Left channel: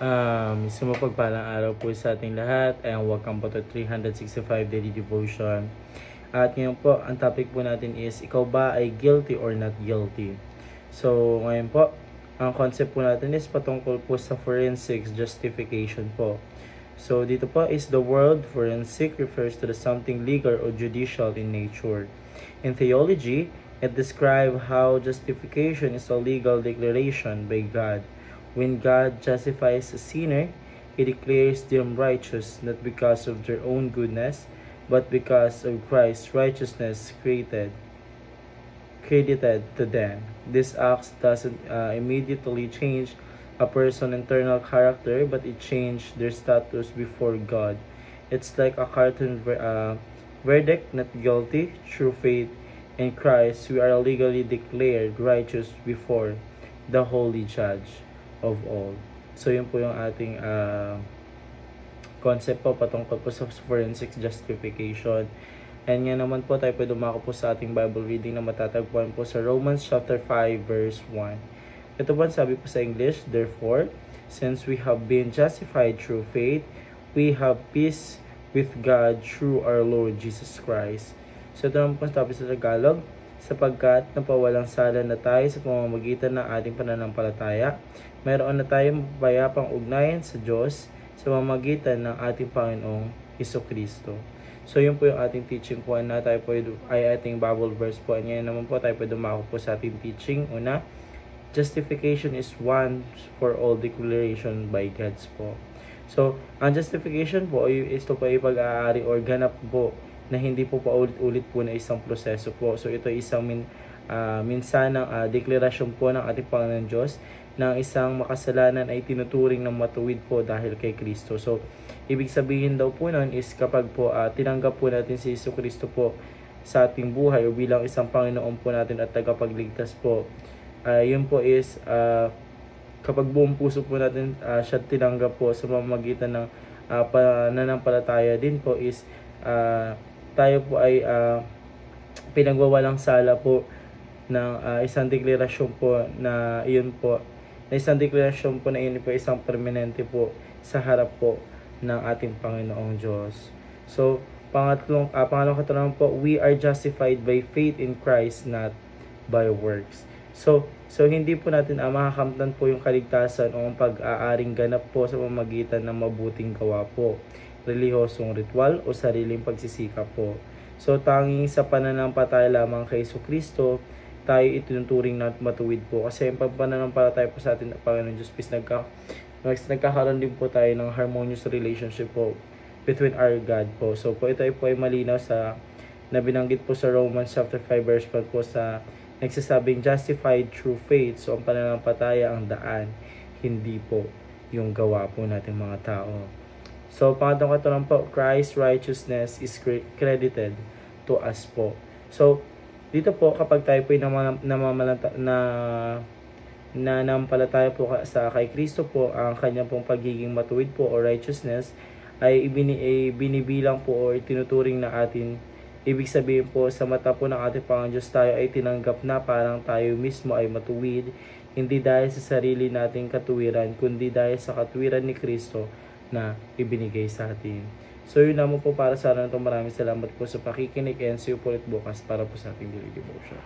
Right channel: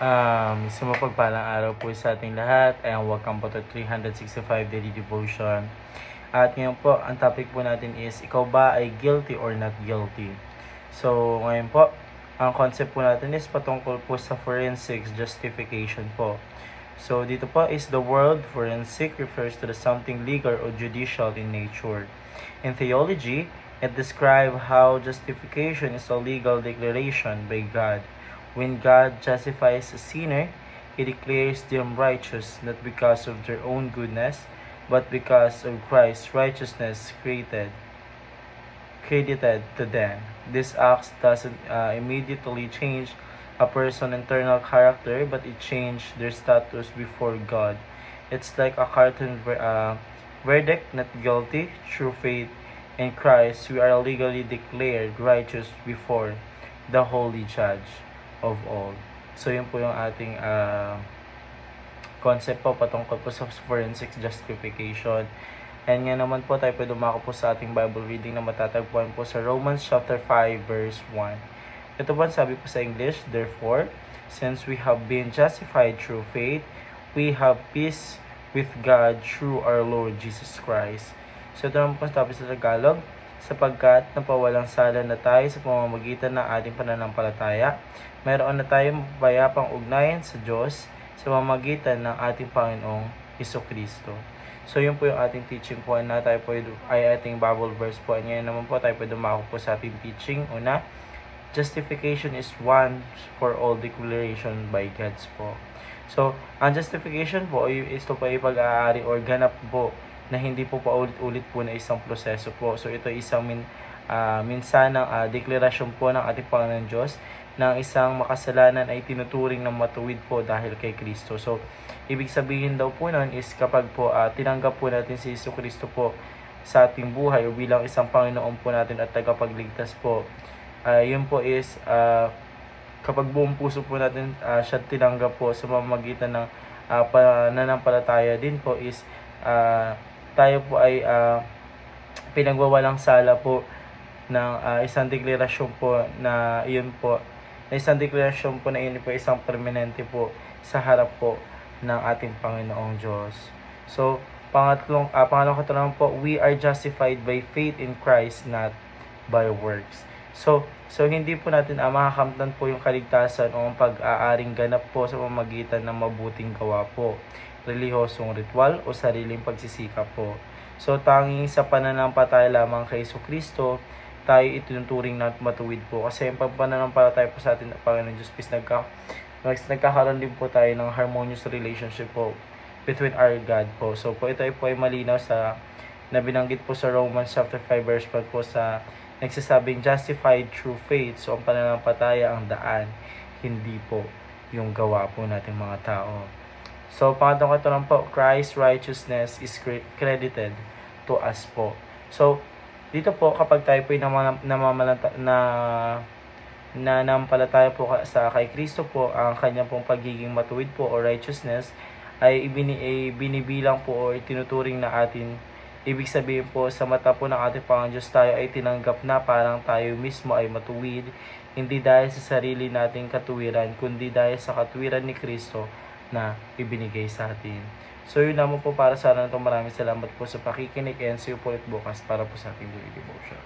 Isang mapagpalang araw po sa ating lahat, and welcome po to 365 Daily Devotion. At ngayon po, ang topic po natin is, ikaw ba ay guilty or not guilty? So ngayon po, ang concept po natin is patungkol po sa forensics justification po. So dito po is the word forensic refers to the something legal or judicial in nature. In theology, it describes how justification is a legal declaration by God. When God justifies a sinner, He declares them righteous not because of their own goodness, but because of Christ's righteousness credited to them. This act doesn't immediately change a person's internal character, but it changes their status before God. It's like a cartoon verdict, not guilty. Through faith in Christ, we are legally declared righteous before the Holy Judge of all. So yun po yung ating concept po patungkol po sa forensic justification. And nga naman po tayo po dumako po sa ating Bible reading na matatagpuan po sa Romans chapter 5 verse 1. Ito po sabi po sa English, therefore, since we have been justified through faith, we have peace with God through our Lord Jesus Christ. So ito naman po sabi sa Tagalog, sapagkat napawalang sala na tayo sa pamamagitan ng ating pananampalataya, mayroon na tayong payapang ugnayan sa Diyos sa pamamagitan ng ating Panginoong Hesukristo. So yun po yung ating teaching po na tayo po ay ating Bible verse po. Ngayon naman po tayo po dumako po sa ating teaching. Una, justification is once for all declaration by God's po. So ang justification po is ito po ay pag-aari or ganap po na hindi po paulit-ulit po na isang proseso po. So ito ay isang minsanang deklarasyon po ng ating Panginoon Diyos na isang makasalanan ay tinuturing ng matuwid po dahil kay Kristo. So ibig sabihin daw po nun is kapag po tinanggap po natin si Jesucristo po sa ating buhay o bilang isang Panginoon po natin at tagapagligtas po, yun po is kapag buong puso po natin siya tinanggap po sa pamamagitan ng pananampalataya din po is tayo po ay pinagwawalang sala po ng isang deklarasyon po na iyon po, na isang deklarasyon po na iyon po isang permanente po sa harap po ng ating Panginoong Diyos. So, pangalawang katanungan po, we are justified by faith in Christ, not by works. So hindi po natin makakamtan po yung kaligtasan o ang pag-aaring ganap po sa pamamagitan ng mabuting gawa po, relihosong ritual o sariling pagsisikap po. So tanging sa pananampalataya lamang kay Jesucristo tayo itinuturing na matuwid po, kasi yung pananampalataya po sa atin Panginoon Diyos is nagkakaroon din po tayo ng harmonious relationship po between our God po. So po ito ay malinaw sa na binanggit po sa Romans chapter 5 verse 1 po sa nagsasabing justified through faith. So ang pananampalataya ang daan, hindi po yung gawa po nating mga tao. So pangatong katanungan po, Christ's righteousness is credited to us po. So dito po kapag tayo po nanampalataya po sa kay Kristo po, ang kanyang pong pagiging matuwid po o righteousness ay binibilang po o itinuturing na atin. Ibig sabihin po sa mata po ng ating Panginoon Diyos tayo ay tinanggap na parang tayo mismo ay matuwid, hindi dahil sa sarili nating katuwiran, kundi dahil sa katuwiran ni Kristo na ibinigay sa atin. So yun naman po para sa araw na ito. Maraming salamat po sa pakikinig, and see you po ulit bukas para po sa ating daily devotion.